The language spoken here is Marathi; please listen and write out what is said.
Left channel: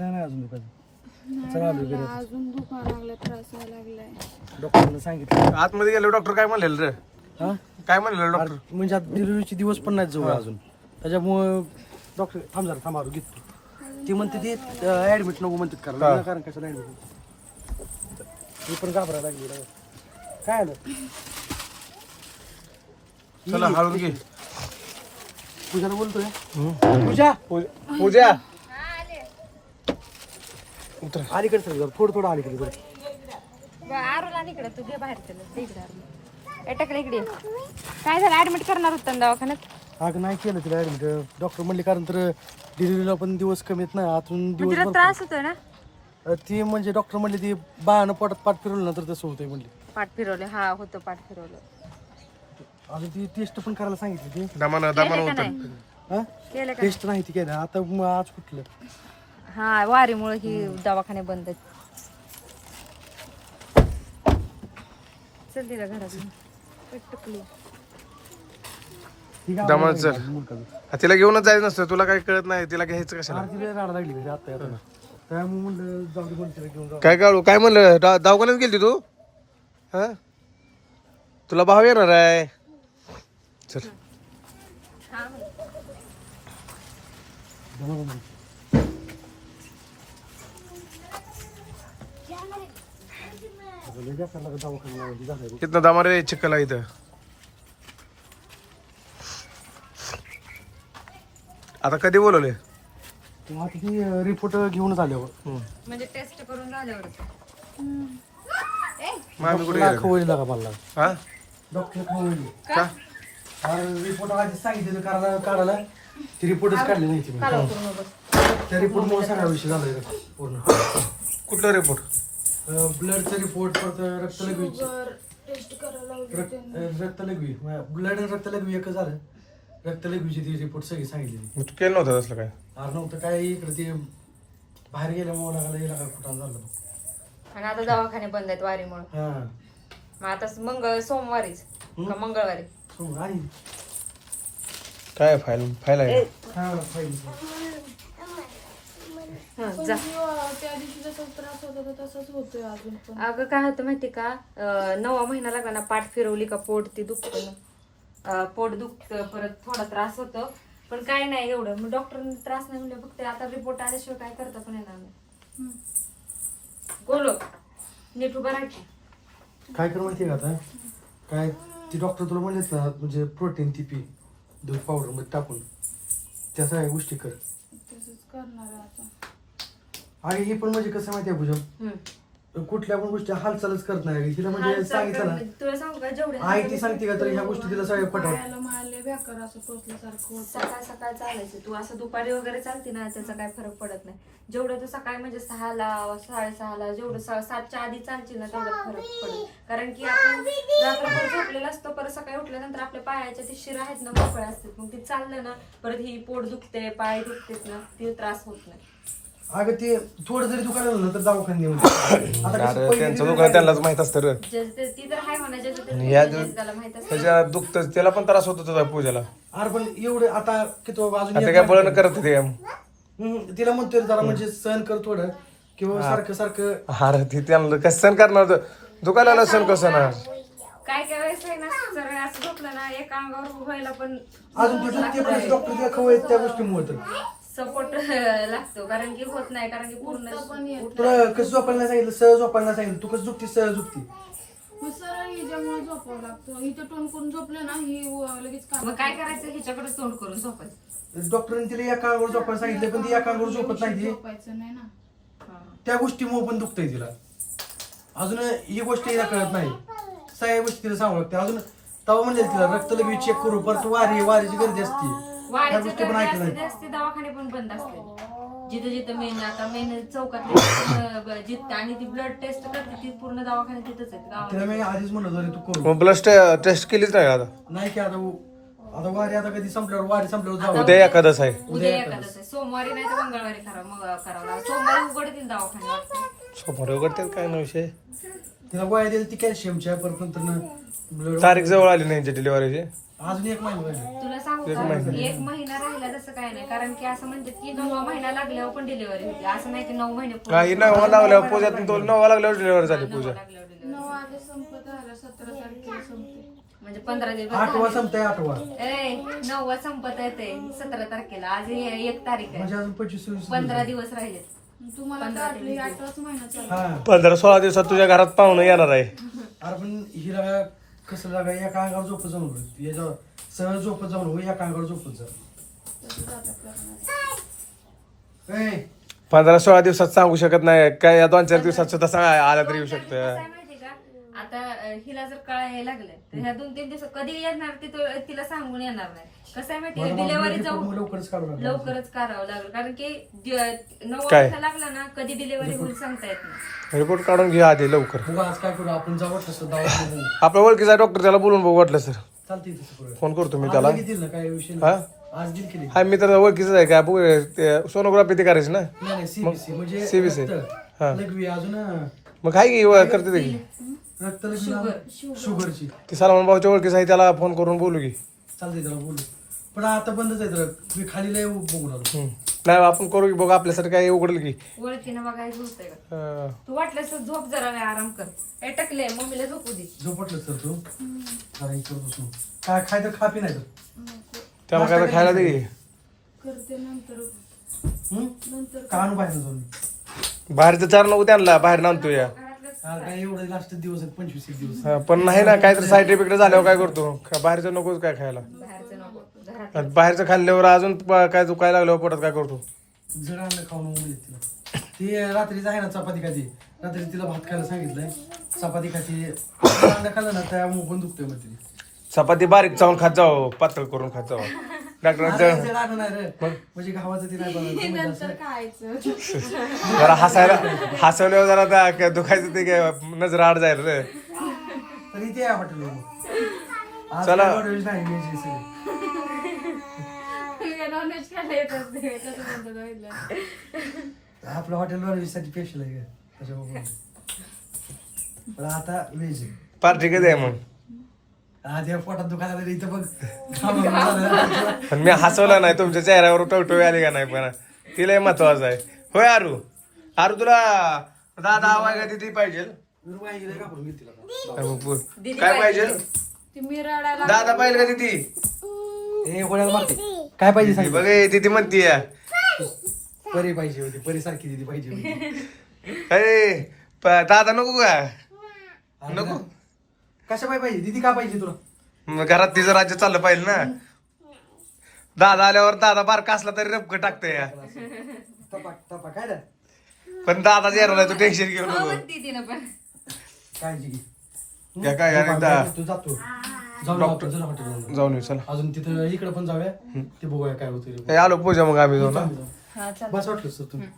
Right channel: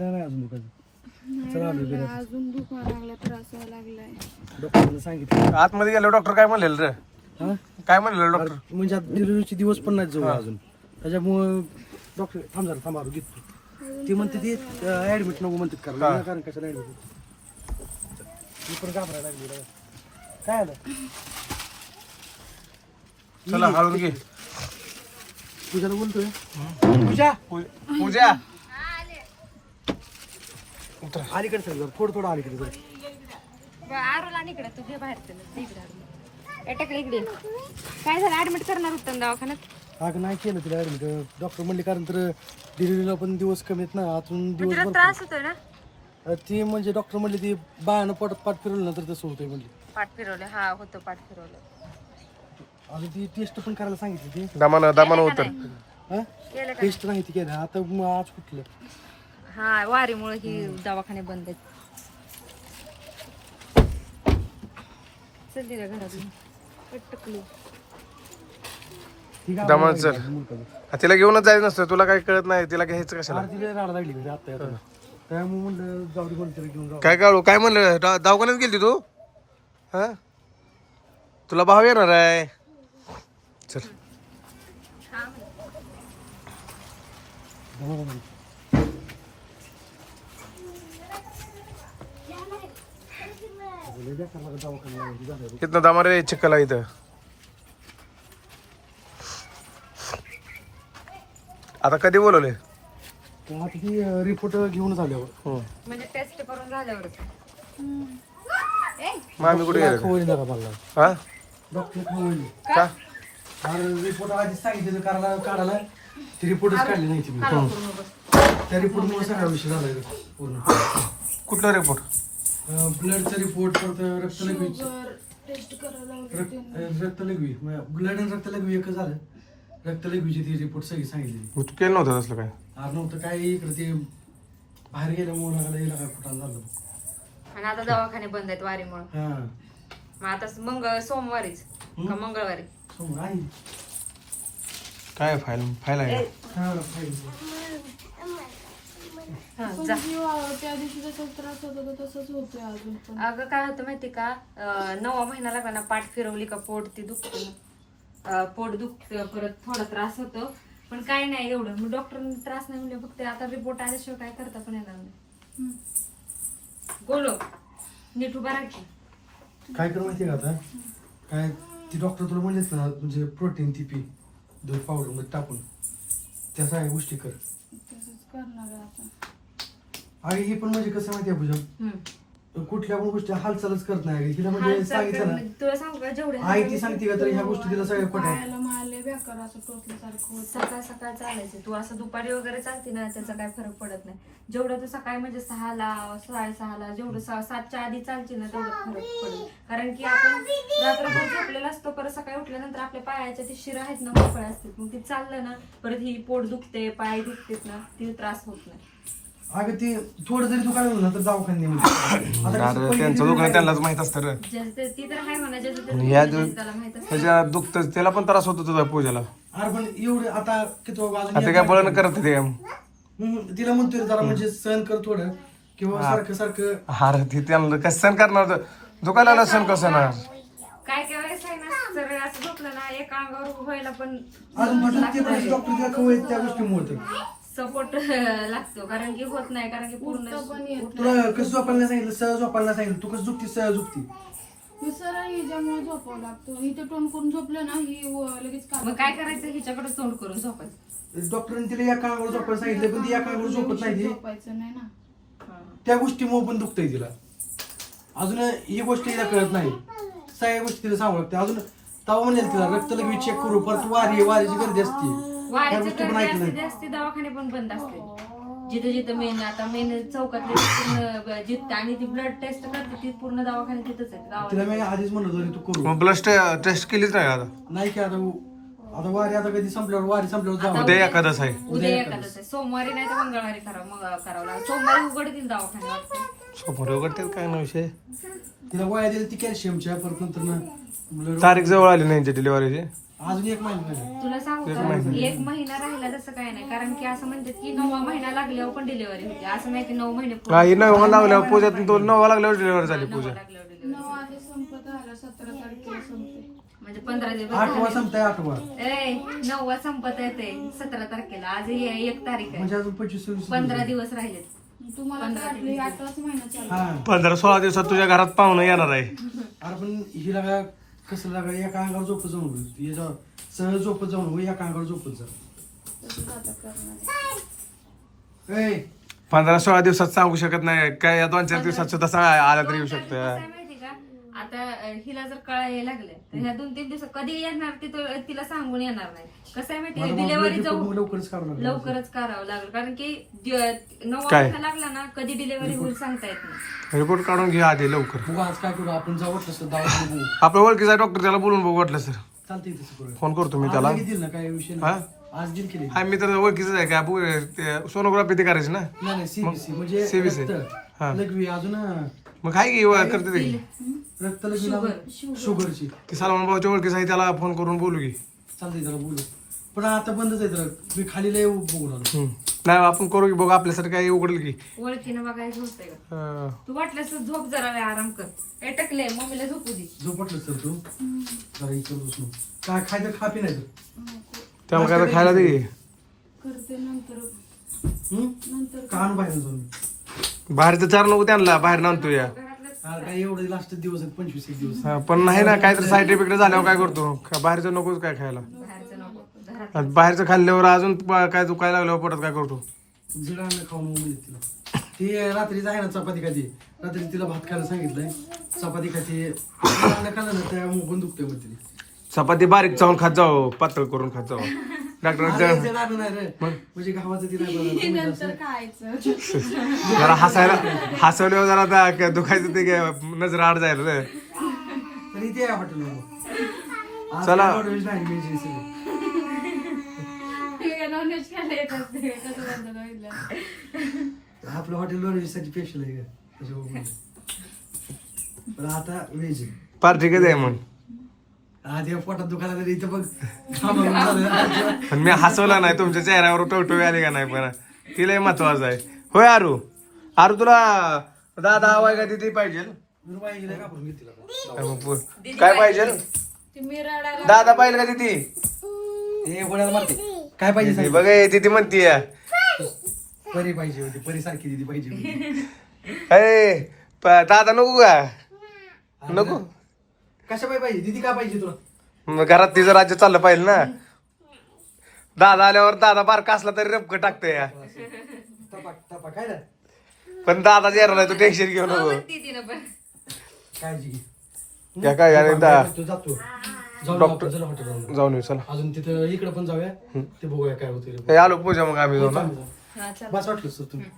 नाही अजून दुखायचं चला आलो घरी. अजून दुखायला लागलं त्रास व्हायला लागलाय. डॉक्टरने सांगितलं. आतमध्ये गेलो डॉक्टर काय म्हणलेलं रे? हा? काय म्हणलेलं डॉक्टर? अरे, म्हणजे आता डिलिव्हरीचे दिवस पण नाही जवळ अजून. त्याच्यामुळं डॉक्टर थांब जरा थांबा घेतो ती. म्हणते ती ऍडमिट नको म्हणतात करायला. विनाकारण कशाला ऍडमिट मी पण घाबरायला लागली रे. काय आलं? चला हळून घे. पूजाला बोलतोय. पूजा! पूजा! उतरा. अलीकडे सर जरा, थोडं थोडं अलीकडे जरा. आरोला इकडे तू घे बाहेर त्याला इकडे एटाकडे इकडे काय झालं? ऍडमिट करणार होतं ना दवाखान्यात? अगं नाही केलं तिला ऍडमिट डॉक्टर म्हणले कारण तर डिलिव्हरीला पण दिवस कमी आहेत ना आतून दिवस तिला भरपूर. त्रास होतोय ना? अं, ती म्हणजे डॉक्टर म्हणले ती बाळानं पोटात पाठ फिरवलं ना तर तसं होतंय म्हणली. पाठ फिरवले हा होतो पाठ फिरवले. अजून ती टेस्ट पण करायला सांगितली ती. दमानं दमानं उतर हा? केलं का टेस्ट नाही ती केलं. आता मग आज कुठलं? हा वारीमुळे ही दवाखाने बंद चल तिला घरात. दमानं. हा, तिला घेऊनच जायचं नसतं. तुला काही कळत नाही तिला घ्यायचं कशाला? आज तिला राडा लागली घरी आता येताना. त्यामुळे म्हणलं जाऊ दे कोणतरी घेऊन जाऊ. काय काढू काय म्हणलं? दवा- दवाखान्यात गेलती तू? हा? तुला भाव येणार आहे. चल. दमा दमा. बोलले द्या का दवाखाना लावायची झालं बघ. इथनं दमा रे चिक्कला इथं. आता कधी बोलवले? रिपोर्ट घेऊन झाल्यावर. म्हणजे टेस्ट करून झाल्यावर मामी कुठे गेले? खवळली लागा मला हा? डॉक्टर खवळली का? रिपोर्ट आधी सांगितलं काढायला काढायला. ती रिपोर्टच काढली नाही तिने त्या रिपोर्ट मुळे सगळा विषय झाला इथं पूर्ण. कुठला रिपोर्ट ब्लडचा रिपोर्ट परत रक्तलघवी रक्तलघवी ब्लड आणि रक्तलघवी एकच झालं. रक्तलघवीची ती रिपोर्ट सगळी सांगितली. मग तू केलं नव्हतं तसलं काय? अरे नव्हतं. काय इकडे ते बाहेर गेल्यामुळे लागला गेला काय कुठं झालं आणि आता दवाखाने बंद आहेत वारीमुळे. हा. मग आता मंगळ सोमवारीच का मंगळवारी? आणि काय फाईल फाईल आहे हा पाहिजे. जा. त्या दिवशी जसा त्रास होत होता तसंच होतोय अजून पण. अगं काय होतं माहिती का? अं, नववा महिना लागा ना पाठ फिरवली का पोट ते दुखतं. अं, पोट दुखतं परत थोडा त्रास होतो. पण काय नाही एवढं. मग डॉक्टरने त्रास नाही म्हणजे फक्त आता रिपोर्ट आल्याशिवाय काय करता पण येणार नाही. बोलो नीट उभा राहा की. काय करू माहिती का आता? काय ती डॉक्टर तुला म्हणलेच ना म्हणजे प्रोटीन ती पी दूध पावडरमध्ये टाकून. त्या सगळ्या गोष्टी कर. तसंच करणार आहे आता. आणि हे पण म्हणजे कसं माहिती आहे पूजा? हम्म. कुठल्या पण गोष्टी हालचालच करत नाही तिला म्हणजे हालचाल सांगितलं ना करणं- तुला सांगू का? जेवढे आई ती सांगते का तर ह्या गोष्टी तिला सगळ्या पटाय पायाला मारले बेकार असं टोचल्यासारखं होतं. सकाळ सकाळ चालायचं. तू असं दुपारी वगैरे चालते ना त्याचा काय फरक पडत नाही. जेवढं तू सकाळी म्हणजे सहाला साडेसहाला जेवढं सा- सातच्या आधी चालते ना तेवढं फरक पडेल कारण की आपण रात्रभर झोपलेला असतो परत सकाळी उठल्यानंतर आपल्या पायाच्या ते शिरा आहेत ना मोकळ्या असतात. मग ती चाललं ना परत ही पोट दुखते पाय दुखतेत ना ती त्रास होत नाही. अगं ते थोडं जरी दुकान झालं ना तर दवाखान्यात नेऊन दे. आता कसं अरे पहिली त्यांचं दुखणं त्यांनाच माहीत असतं रे. ज्याचं ते- ती तर आहे म्हणा ज्याचं आणि दिवस- त्याला माहीत असतं. त्याच्या दुखत त्याला पण त्रास होतो तुझा पूजाला. अरे पण एवढं आता किती बाबा अजून आता काय बळण करत ते हम्म, तिला म्हणतोय रे जरा म्हणजे सहन कर थोडं किंवा सारखं सारखं. अरे ती त्यांना कसं सण करणार? होतं? दुखायला सण कसं ना काय काय वेळेस आहे ना सगळं असं झोपलं ना एका अंगावर व्हायला पण अजून ते डॉक्टर तिला खवळ त्या गोष्टीमुळे तर. सपोर्ट लागतो कारण की होत नाही कारण की पूर्ण तुला कसं झोपायला सांगितलं? सहज झोपायला सांगितलं. तू कसं झोपती सहज झोपती. हिच्यामुळे झोपावं लागतं. इथं टोन करून झोपलं ना ही व- लगेच काम मग काय करायचं? हिच्याकडे तोंड करून झोपायचं. डॉक्टरने तिला झोपायला सांगितलं पण ती झोपत नाही ती. झोपायचं नाही ना. त्या गोष्टीमुळे पण दुखतंय तिला. अजून ही गोष्ट तिला कळत नाही. सगळ्या गोष्टी तिला सांगू लागते. अजून तवा म्हणजे तिला रक्त लगेच चेक करू परत वारी वारीची गर्दी असते. वारीचं गोष्टी पण गर्दी ऐकलं असते जास्ती दवाखाने पण बंद असते जिथे जिथे मेन आता मेन पूर्ण जिथे आणि ती ब्लड टेस्ट करते ती पूर्ण दवाखाने तिथंच आहेत. गावात. तिला मी आधीच म्हणत होतो तू करू. मग ब्लड टेस्ट केलीच नाही आता? नाही की आता आता वारी आता कधी संपल्यावर वारी संपल्यावर जाऊ उद्या एखादच आहे. उद्या एखादंच आहे. सोमवारी नाही तर मंगळवारी करावं मग करावं लागेल. सोमवारी उघडतील दवाखाने वाटतं समोर उघडतात काय ना विषय? तिला वाया दिली ती कॅल्शियमच्या नंतर तारीख जवळ आली नाही डिलिव्हरीची अजून एक महिना राहिला तुला सांगू का? एक महिना राहिला तसं काय नाही. कारण की असं म्हणतात की नववा महिना लागल्यावर पण डिलिव्हरी होते. असं नाही की नऊ महिने पूर्ण काही नवा लागल्यावर पूजातून तो नवा लागल्यावर डिलिव्हरी झाली पूजा. लागल्यावर delivery. नऊ आधी संपत आला सतरा तारखेला संपते. म्हणजे पंधरा दिवस आठवा संपताय आठवा. ए नववा संपत येते सतरा तारखेला. आज हे एक तारीख आहे. म्हणजे अजून पंचवीस सव्वीस पंधरा दिवस राहिले. तुम्हाला काढली आठवाच महिना चालू. हा. पंधरा सोळा दिवसात तुझ्या घरात पाहुणं येणार आहे. अरे पण हिला कसं लागा एका अंगावर झोपत जाऊन होईल याच्या सहज झोपत जाऊन होईल एका अंगावर झोपत जा. तसंच आता करणार आहे. ए! पंधरा सोळा दिवसात सांगू शकत नाही. काय या दोन चार दिवसात सुद्धा सांगा आला तरी येऊ शकतं. आता हिला जर कळायला लागलं तर ह्या दोन तीन दिवस कधी येणार ते तो तिला सांगून येणार नाही. कसं आहे माहिती डिलेव्हरी जाऊ लवकरच लागलं. लवकरच करावं लागलं. कारण की दि- नऊ काय? वाजता लागला ना कधी डिलिव्हरी होईल सांगता येत नाही. रिपोर्ट काढून घ्या आधी लवकर. बघू आज काय करू? आपण जाऊ वाटलं असतं दवाखान्यात बघू आपल्या ओळखीचा डॉक्टर त्याला बोलून बघू वाटलं सर. चालतंय तसं करूया फोन करतो मी आज त्याला. लगेच देईल ना काय विषय हा? नाही आज दिल केली. हा मी तर ओळखीच आहे का सोनोग्राफी ते करायची ना. नाही सीबीसी म्हणजे CBC. रक्त, हा. लघवी अजून मग काय की करते ते. की. लघवी शुगरची. की सलमान भाऊच्या ओळखीचा आहे त्याला फोन करून बोलू की. चालतंय त्याला बोलू. पण आता बंदच आहे तर मी खाली लय बघून आलो. हम्म. नाही आपण करू की बघू आपल्यासाठी काय उघडेल की. ओळखीनं बघायचं होतंय का? हा. तू वाटल्यास तर झोप जरा वेळ आराम कर. हे टकले मम्मीला झोपू दे. झोपटलंच तर तू? जरा इकडं बसून. काय खाय तर खापी नाही तर त्याला काय तर खायला दे. की. करते नंतर? नंतर का आणू बाहेर जाऊन? बाहेरचं चार नको त्यांना बाहेर नांदतो या. अरे काय एवढे लास्ट दिवस आहेत पंचवीस एक दिवस. हा, पण नाही ना काहीतरी साईड इफेक्ट झाल्यावर काय करतो? बाहेरचं नकोच काय खायला. बाहेरचं आणि खाल्ल्यावर अजून प- काय दुखायला लागल्यावर पोटात काय करतो? जड अन्न खाऊन मुली तिला ती रात्री आहे ना चपाती खाती. रात्री तिला भात खायला सांगितलंय. चपाती खाती. खाल्लं ना पण दुखतंय मग तिला चपाती बारीक चावून खात जाऊ पातळ करून खात जाऊ डॉक्टरांचं आता जड अन्न नाही रे. म्हणजे गावाचं जरा हसायला हसवल्यावर जरा त्या काय दुखायचं ते काय नजर आड जायला रे. पण इथे हॉटेल चला. आपलं हॉटेल वर साठी स्पेशल आहे आता व्हेज पार्टी कधी आहे मग. आधी या पोटात दुखायला तर इथं बघ. थांबून झालं. पण मी हसवलं नाही तुमच्या चेहऱ्यावर टवटवी आली का नाही पण? तिलाही महत्वाचं आहे. होय आरू. आरू तुला दादा हवाय का तिथे पाहिजे. काय पाहिजे. दादा पाहिजे का तिथे? काय पाहिजे बघ ए, तिथे म्हणतीये परी पाहिजे होती परी सारखी दिदी पाहिजे होती. दादा नको का? नको? कशा पाहिजे पाहिजे? दिदी का पाहिजे तुला? मग घरात तिचं राज्य चाललं पाहिजे ना. दादा आल्यावर दादा बारका असला तरी रपक टाकतोय या. काय रे पण दादा येणार नाही तू टेन्शन घेऊ नको. ती तिनं पण. काळजी घे. या काय आणि दा- तू जातो जाऊन डॉक्टर येऊ चला. अजून तिथं इकडे पण जाऊया. ते बघूया काय होतं आलो पूजा मग आम्ही जाऊ ना. हा चल. बस वाटलं सर तुम्ही.